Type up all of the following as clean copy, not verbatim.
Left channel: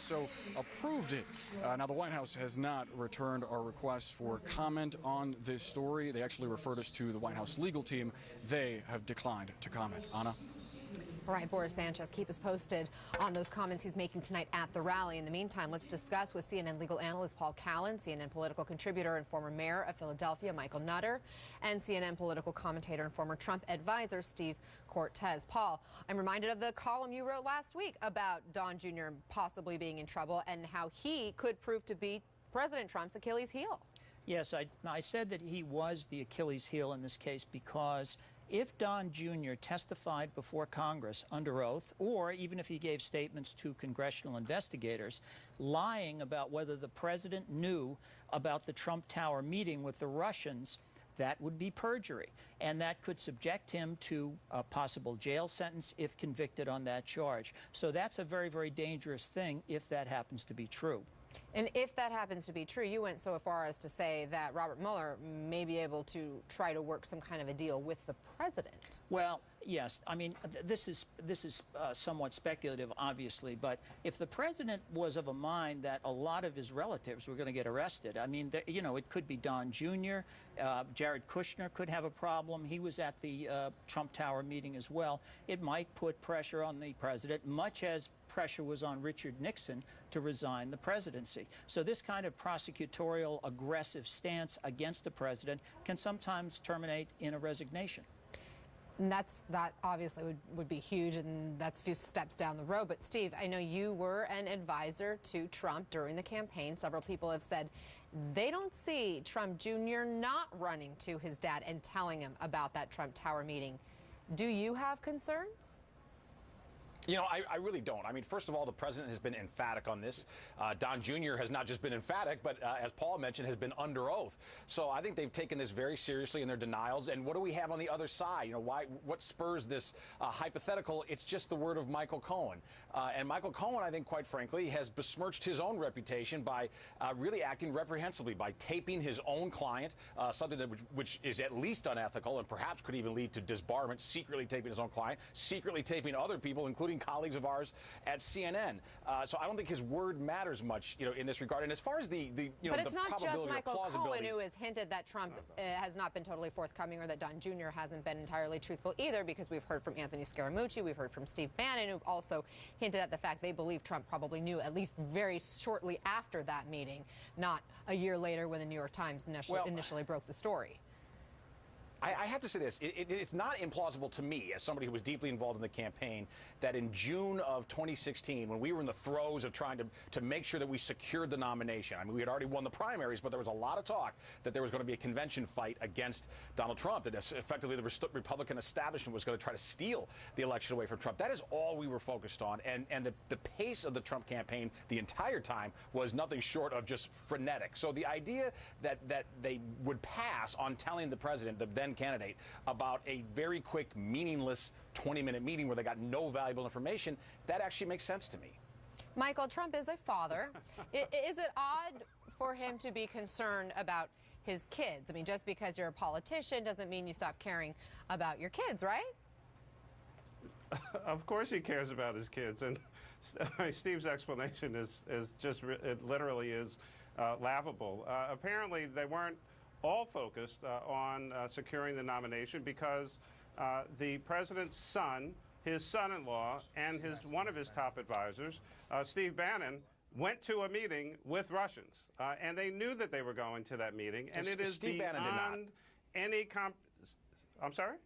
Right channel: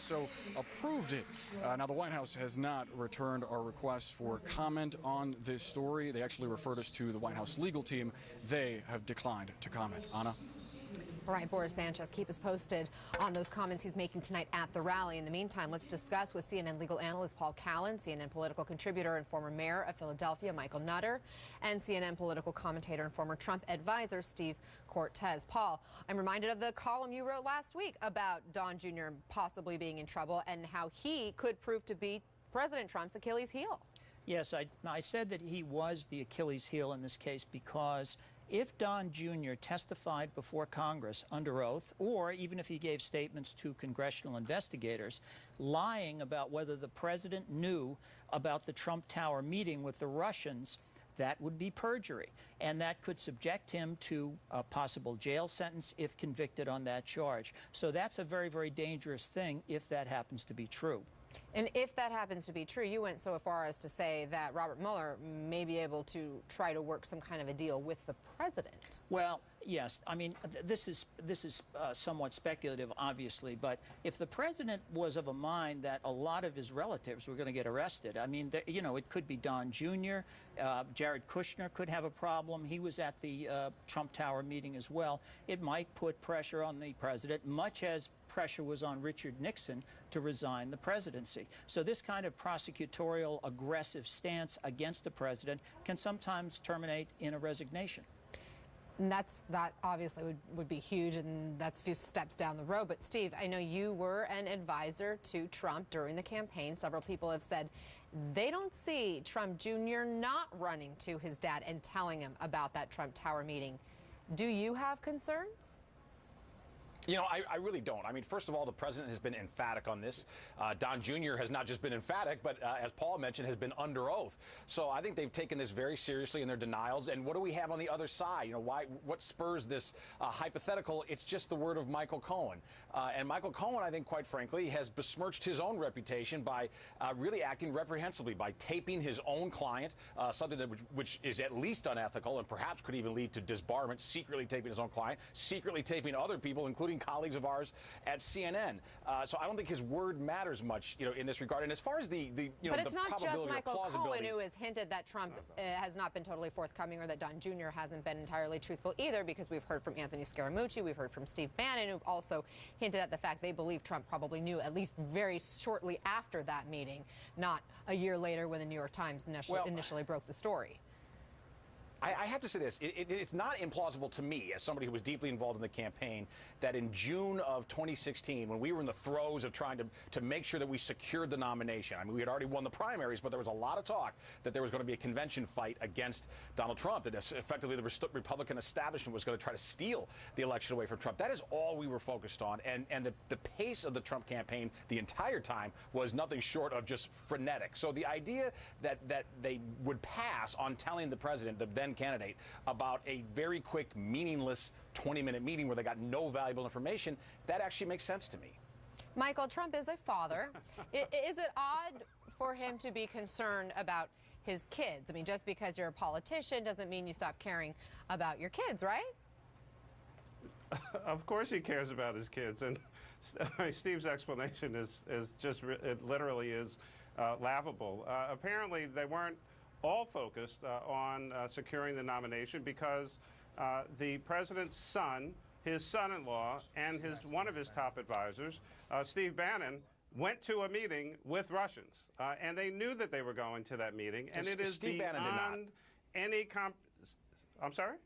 also approved it. Now, the White House has not returned our request for comment on this story. They actually referred us to the White House legal team. They have declined to comment. Anna? All right, Boris Sanchez, keep us posted on those comments he's making tonight at the rally. In the meantime, let's discuss with CNN legal analyst Paul Callan, CNN political contributor and former mayor of Philadelphia, Michael Nutter, and CNN political commentator and former Trump advisor, Steve Cortez. Paul, I'm reminded of the column you wrote last week about Don Jr. possibly being in trouble and how he could prove to be President Trump's Achilles heel. Yes, I said that he was the Achilles heel in this case because if Don Jr. testified before Congress under oath, or even if he gave statements to congressional investigators, lying about whether the president knew about the Trump Tower meeting with the Russians, that would be perjury. And that could subject him to a possible jail sentence if convicted on that charge. So that's a very, very dangerous thing if that happens to be true. And if that happens to be true, you went so far as to say that Robert Mueller may be able to try to work some kind of a deal with the president. Well, yes. I mean, this is somewhat speculative, obviously. But if the president was of a mind that a lot of his relatives were going to get arrested, I mean, you know, it could be Don Jr., Jared Kushner could have a problem. He was at the Trump Tower meeting as well. It might put pressure on the president, much as pressure was on Richard Nixon to resign the presidency. So this kind of prosecutorial aggressive stance against the president can sometimes terminate in a resignation. And that obviously would be huge, and that's a few steps down the road. But Steve, I know you were an advisor to Trump during the campaign. Several people have said they don't see Trump Jr. not running to his dad and telling him about that Trump Tower meeting. Do you have concerns? You know, I really don't. I mean, first of all, the president has been emphatic on this. Don Jr. has not just been emphatic, but as Paul mentioned, has been under oath. So I think they've taken this very seriously in their denials. And what do we have on the other side? You know, what spurs this hypothetical? It's just the word of Michael Cohen. And Michael Cohen, I think, quite frankly, has besmirched his own reputation by really acting reprehensibly, by taping his own client, something which is at least unethical and perhaps could even lead to disbarment, secretly taping his own client, secretly taping other people, including colleagues of ours at CNN. So I don't think his word matters much, you know, in this regard. And as far as the you know, but it's the not just probability Michael or plausibility, Cohen who has hinted that Trump has not been totally forthcoming, or that Don Jr. hasn't been entirely truthful either, because we've heard from Anthony Scaramucci, we've heard from Steve Bannon, who've also hinted at the fact they believe Trump probably knew at least very shortly after that meeting, not a year later when the New York Times initially broke the story. I have to say this. It's not implausible to me, as somebody who was deeply involved in the campaign, that in June of 2016, when we were in the throes of trying to make sure that we secured the nomination, I mean, we had already won the primaries, but there was a lot of talk that there was going to be a convention fight against Donald Trump, that effectively the Republican establishment was going to try to steal the election away from Trump. That is all we were focused on. And the pace of the Trump campaign the entire time was nothing short of just frenetic. So the idea that they would pass on telling the president, the then candidate, about a very quick, meaningless 20-minute meeting where they got no valuable information, that actually makes sense to me. Michael, Trump is a father. Is it odd for him to be concerned about his kids? I mean, just because you're a politician doesn't mean you stop caring about your kids, right? Of course he cares about his kids, and Steve's explanation is just, it literally is laughable. Apparently they weren't all focused on securing the nomination because the president's son, his son-in-law, and one of his top advisors, Steve Bannon, went to a meeting with Russians, and they knew that they were going to that meeting, and it is Steve Bannon did not. Any I'm sorry?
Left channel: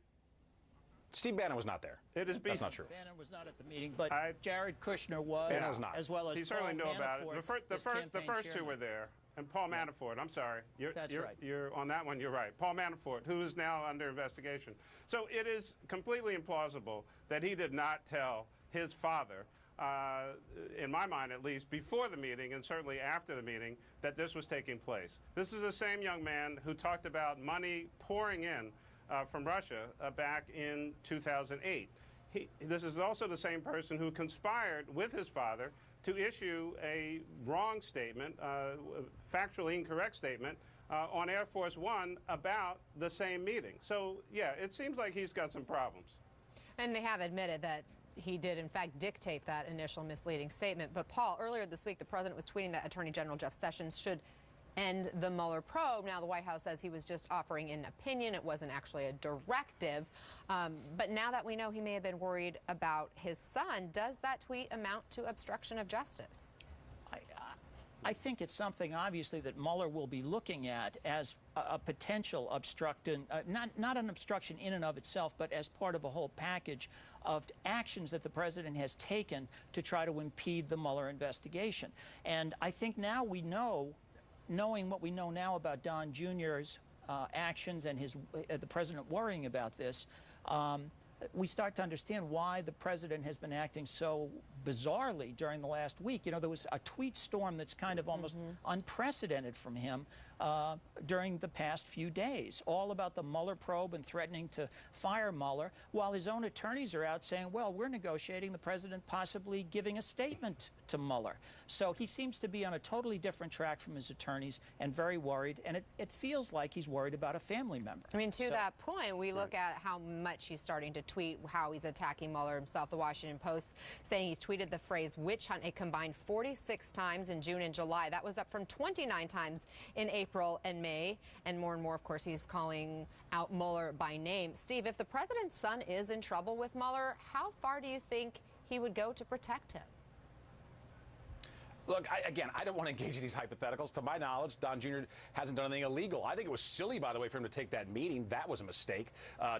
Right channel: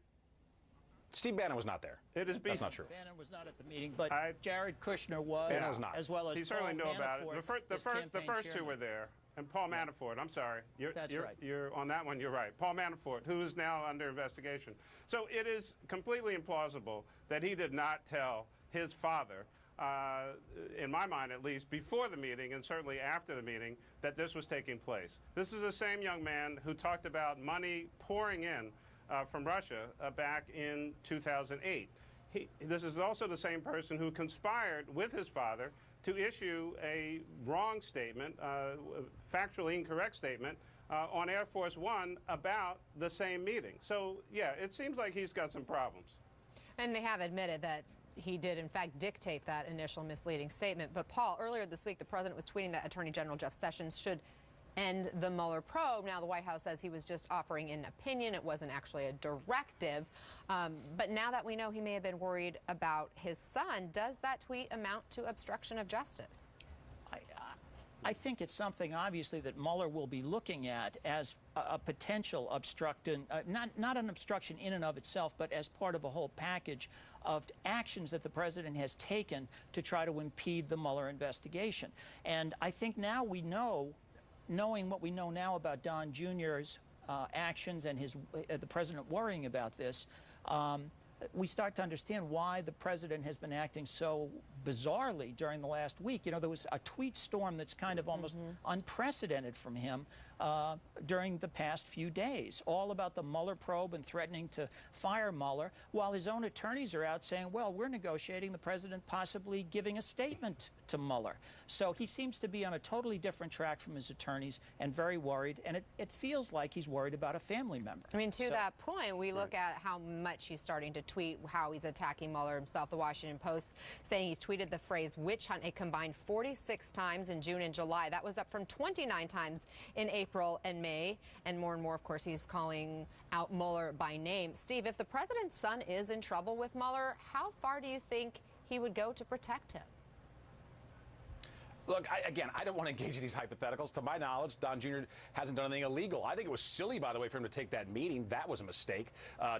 Steve Bannon was not there. That's not true. Bannon was not at the meeting, but Jared Kushner was, Bannon was not. as well as he certainly knew about it. The first two were there. And Paul Manafort, I'm sorry. You're on that one, you're right. Paul Manafort, who is now under investigation. So it is completely implausible that he did not tell his father, in my mind at least, before the meeting and certainly after the meeting, that this was taking place. This is the same young man who talked about money pouring in from Russia back in 2008. This is also the same person who conspired with his father to issue a wrong statement, factually incorrect statement, on Air Force One about the same meeting. So, yeah, it seems like he's got some problems. And they have admitted that he did, in fact, dictate that initial misleading statement. But, Paul, earlier this week, the president was tweeting that Attorney General Jeff Sessions should end the Mueller probe. Now, the White House says he was just offering an opinion. It wasn't actually a directive. But now that we know he may have been worried about his son, does that tweet amount to obstruction of justice? I think it's something, obviously, that Mueller will be looking at as a potential obstruction, not an obstruction in and of itself, but as part of a whole package of actions that the president has taken to try to impede the Mueller investigation. And I think now we know, knowing what we know now about Don Jr.'s actions and the president worrying about this, we start to understand why the president has been acting so bizarrely during the last week. You know, there was a tweet storm that's kind of almost unprecedented from him during the past few days, all about the Mueller probe and threatening to fire Mueller, while his own attorneys are out saying, well, we're negotiating the president possibly giving a statement to Mueller. So he seems to be on a totally different track from his attorneys and very worried, and it feels like he's worried about a family member. I mean, to that point, we look at how much he's starting to tweet, how he's attacking Mueller himself. The Washington Post saying he's tweeted the phrase witch hunt a combined 46 times in June and July. That was up from 29 times in April and May. And more, of course, he's calling out Mueller by name. Steve, if the president's son is in trouble with Mueller, how far do you think he would go to protect him? Look, again, I don't want to engage in these hypotheticals. To my knowledge, Don Jr. hasn't done anything illegal. I think it was silly, by the way, for him to take that meeting. That was a mistake.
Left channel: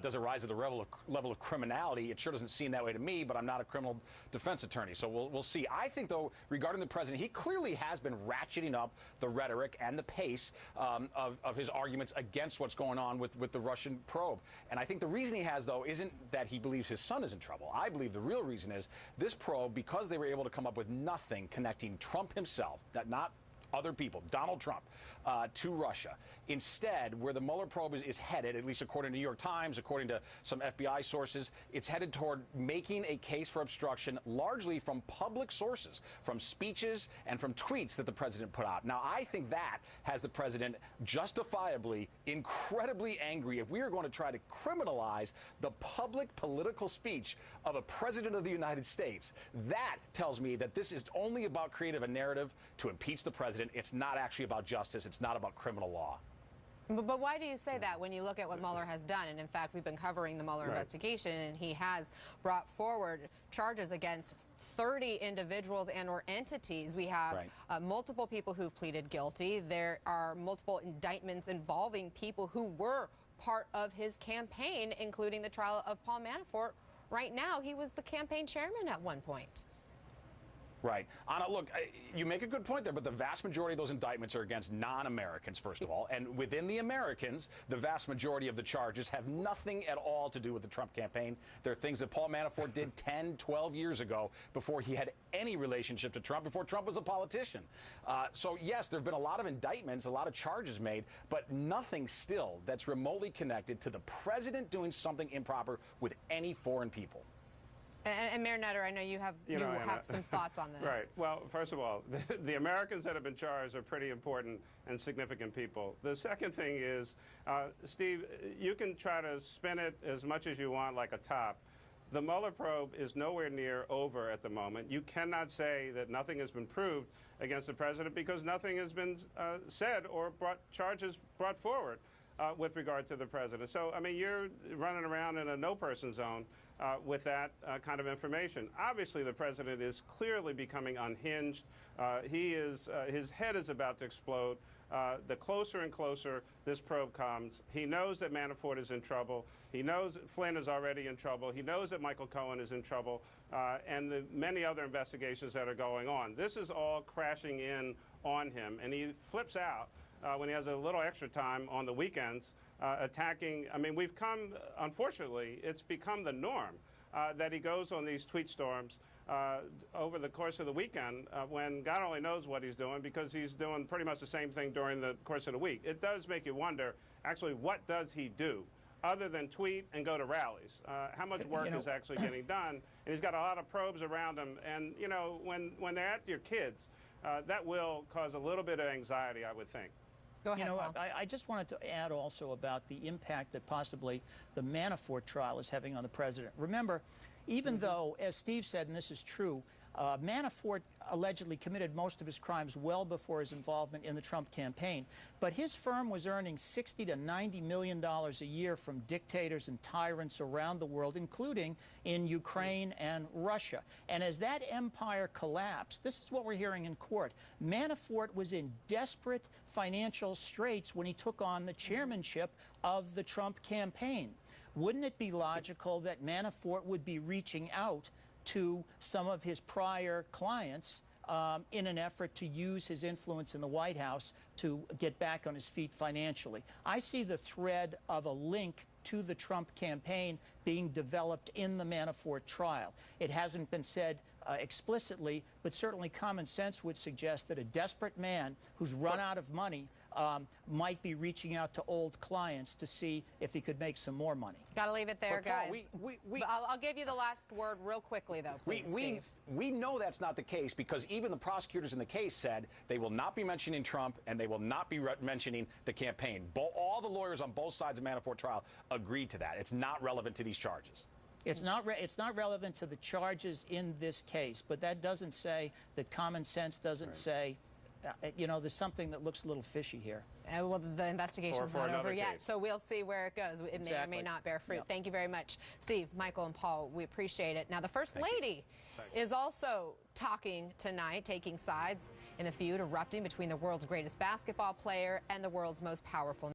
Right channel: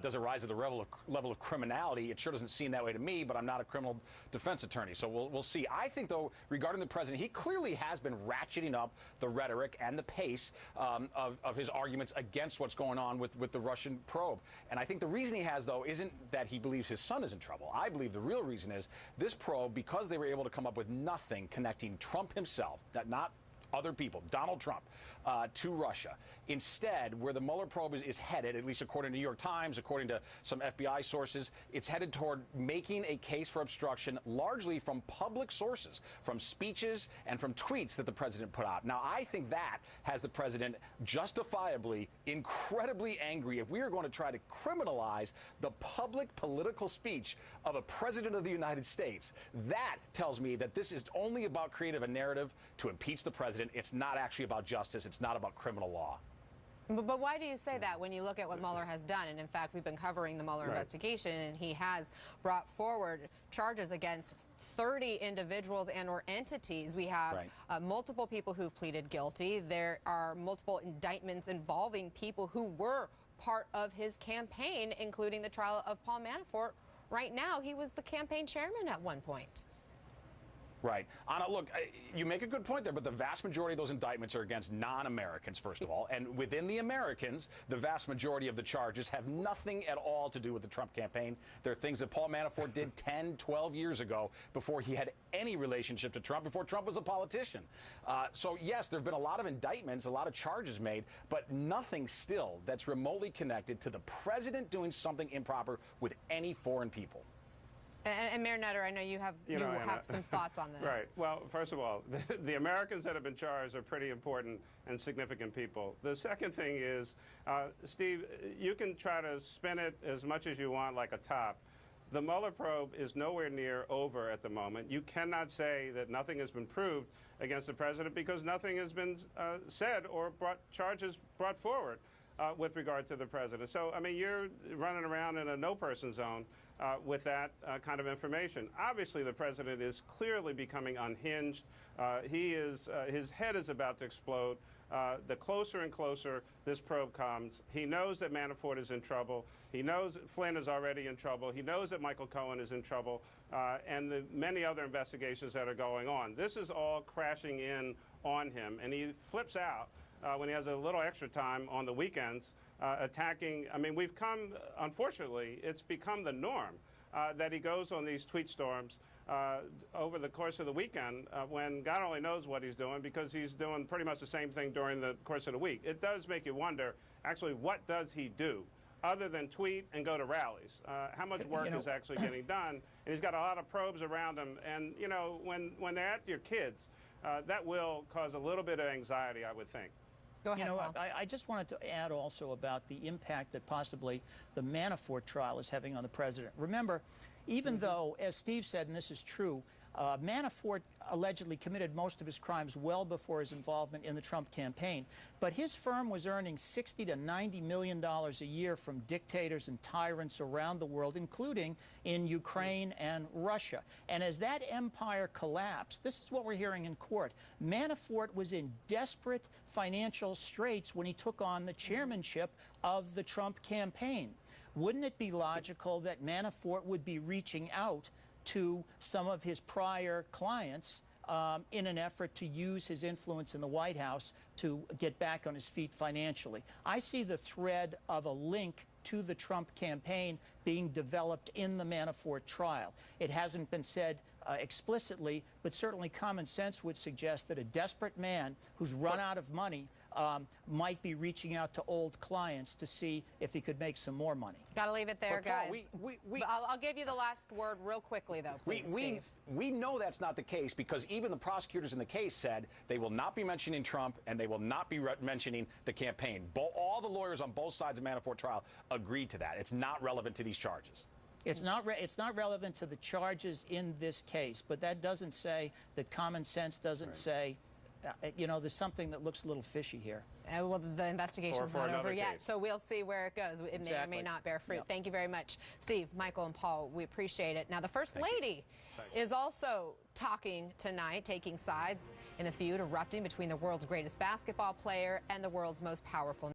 Does it rise to the level of criminality? It sure doesn't seem that way to me, but I'm not a criminal defense attorney, so we'll see. I think, though, regarding the president, he clearly has been ratcheting up the rhetoric and the pace of his arguments against what's going on with the Russian probe. And I think the reason he has, though, isn't that he believes his son is in trouble. I believe the real reason is this probe, because they were able to come up with nothing connecting Trump himself, not other people, Donald Trump, to Russia. Instead, where the Mueller probe is headed, at least according to the New York Times, according to some FBI sources, it's headed toward making a case for obstruction largely from public sources, from speeches and from tweets that the president put out. Now, I think that has the president justifiably incredibly angry if we are going to try to criminalize the public political speech of a president of the United States. That tells me that this is only about creating a narrative to impeach the president. It's not actually about justice. It's not about criminal law. But why do you say that when you look at what Mueller has done? And in fact, we've been covering the Mueller investigation, and he has brought forward charges against 30 individuals and or entities. We have multiple people who've pleaded guilty. There are multiple indictments involving people who were part of his campaign, including the trial of Paul Manafort. Right now, he was the campaign chairman at one point. Right. Anna, look, you make a good point there, but the vast majority of those indictments are against non-Americans, first of all. And within the Americans, the vast majority of the charges have nothing at all to do with the Trump campaign. They're things that Paul Manafort did 10, 12 years ago before he had any relationship to Trump, before Trump was a politician. So, yes, there have been a lot of indictments, a lot of charges made, but nothing still that's remotely connected to the president doing something improper with any foreign people. And Mayor Nutter, I know you have some thoughts on this. Right. Well, first of all, the Americans that have been charged are pretty important and significant people. The second thing is, Steve, you can try to spin it as much as you want like a top. The Mueller probe is nowhere near over at the moment. You cannot say that nothing has been proved against the president because nothing has been said or charges brought forward with regard to the president. So, I mean, you're running around in a no-person zone with that kind of information. Obviously, the president is clearly becoming unhinged. His head is about to explode. The closer and closer this probe comes, he knows that Manafort is in trouble. He knows Flynn is already in trouble. He knows that Michael Cohen is in trouble, and the many other investigations that are going on. This is all crashing in on him, and he flips out when he has a little extra time on the weekends, attacking. I mean, unfortunately, it's become the norm that he goes on these tweet storms over the course of the weekend when God only knows what he's doing, because he's doing pretty much the same thing during the course of the week. It does make you wonder, actually, what does he do other than tweet and go to rallies? How much work is actually getting done? And he's got a lot of probes around him. And, when they're at your kids, that will cause a little bit of anxiety, I would think. Go ahead, I just wanted to add also about the impact that possibly the Manafort trial is having on the president. Remember, even though, as Steve said, and this is true, Manafort allegedly committed most of his crimes well before his involvement in the Trump campaign. But his firm was earning $60 to $90 million a year from dictators and tyrants around the world, including in Ukraine and Russia. And as that empire collapsed, this is what we're hearing in court. Manafort was in desperate financial straits when he took on the chairmanship of the Trump campaign. Wouldn't it be logical that Manafort would be reaching out to some of his prior clients in an effort to use his influence in the White House to get back on his feet financially? I see the thread of a link to the Trump campaign being developed in the Manafort trial. It hasn't been said explicitly, but certainly common sense would suggest that a desperate man who's run out of money might be reaching out to old clients to see if he could make some more money. Got to leave it there, But Paul, guys. I'll give you the last word real quickly, though. Please, we know that's not the case because even the prosecutors in the case said they will not be mentioning Trump and they will not be mentioning the campaign. All the lawyers on both sides of Manafort trial agreed to that. It's not relevant to these charges. It's not relevant to the charges in this case, but that doesn't say that common sense doesn't say, there's something that looks a little fishy here. Well, the investigation's not over yet, case. so we'll see where it goes. It may or may not bear fruit. Thank you very much, Steve, Michael, and Paul. We appreciate it. Now, the First Lady is also talking tonight, taking sides in the feud erupting between the world's greatest basketball player and the world's most powerful